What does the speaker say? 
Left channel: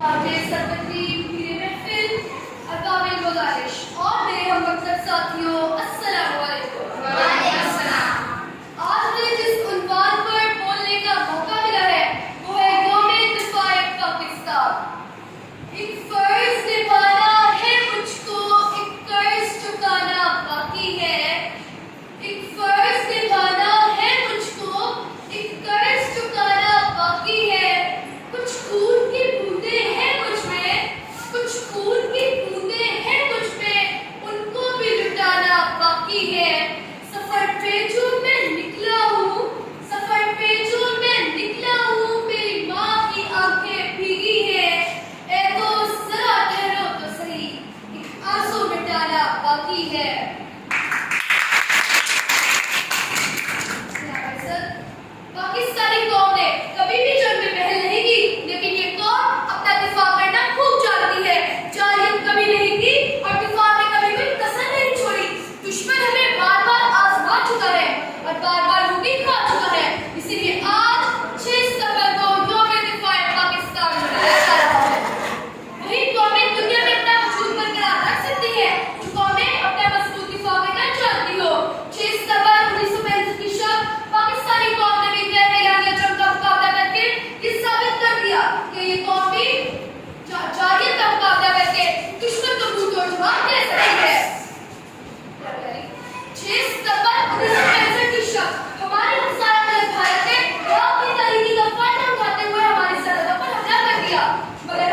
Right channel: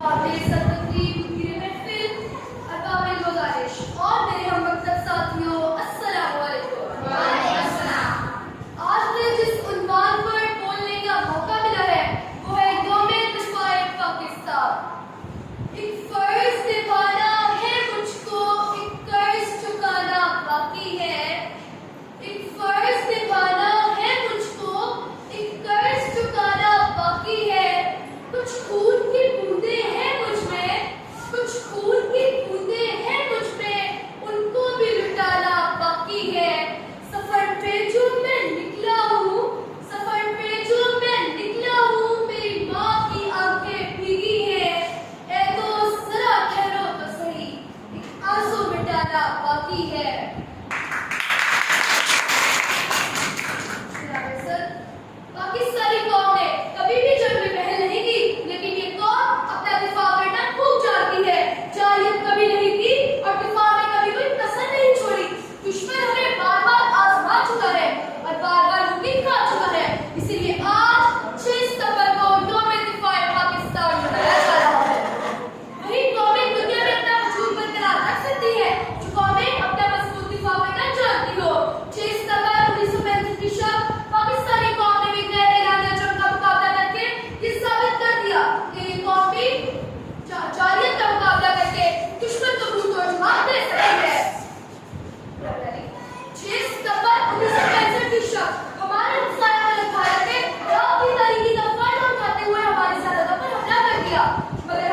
वाक़ई सरबती मेरी महफिल अरबाबिल गुज़ारिश और मेरे हम मकसद साथियों अस्सलामु अलैकुम। वालेकुम अस्सलाम। आज मुझे जिस उन्वान पर बोलने का मौका मिला है वो है यौम-ए दिफ़ा-ए पाकिस्तान। एक फर्ज निभाना है मुझको, एक कर्ज चुकाना बाकी है। एक फर्ज निभाना है मुझको, एक कर्ज चुकाना बाकी है। कुछ खून की बूंदें हैं मुझ में, कुछ खून की बूंदें हैं मुझ में, उनको भी लुटाना बाकी है। सफर पे जो मैं निकला हूँ, सफर पे जो मैं निकला हूँ, मेरी माँ की आंखें भीगी हैं। ऐ दोस्त जरा ठहरो तो सही, एक आंसू मिटाना बाकी है। पाकिस्तानी कौम ने कभी भी जंग में पहल नहीं की, लेकिन ये कौम अपना दिफा करना खूब जानती है। जाहिलियत कभी नहीं की और दिफा में कभी कोई कसर नहीं छोड़ी। दुश्मन हमें बार बार आजमा चुका है और बार बार लूटी खा चुका है। इसीलिए आज 6 सितंबर को यौम-ए दिफ़ा-ए पाकिस्तान मनाया जा रहा है। वही कौमें दुनिया में अपना वजूद बरकरार रख सकती है जो कौमें अपना मजबूत दिफा करना जानती हो। 6 सितंबर 1965 की शब पाकिस्तानी कौम ने भी गैर एलानिया जंग का मुकाबला करके ये साबित कर दिया कि ये कौम भी जाहिलियत का मुकाबला करके दुश्मन को मुंह तोड़ जवाब दे सकती है। 6 सितंबर 1965 की शब हमारे इंसान भारत ने अपनी तहरीकी का फायदा उठाते हुए हमारी सरहदों पर हमला कर दिया, मगर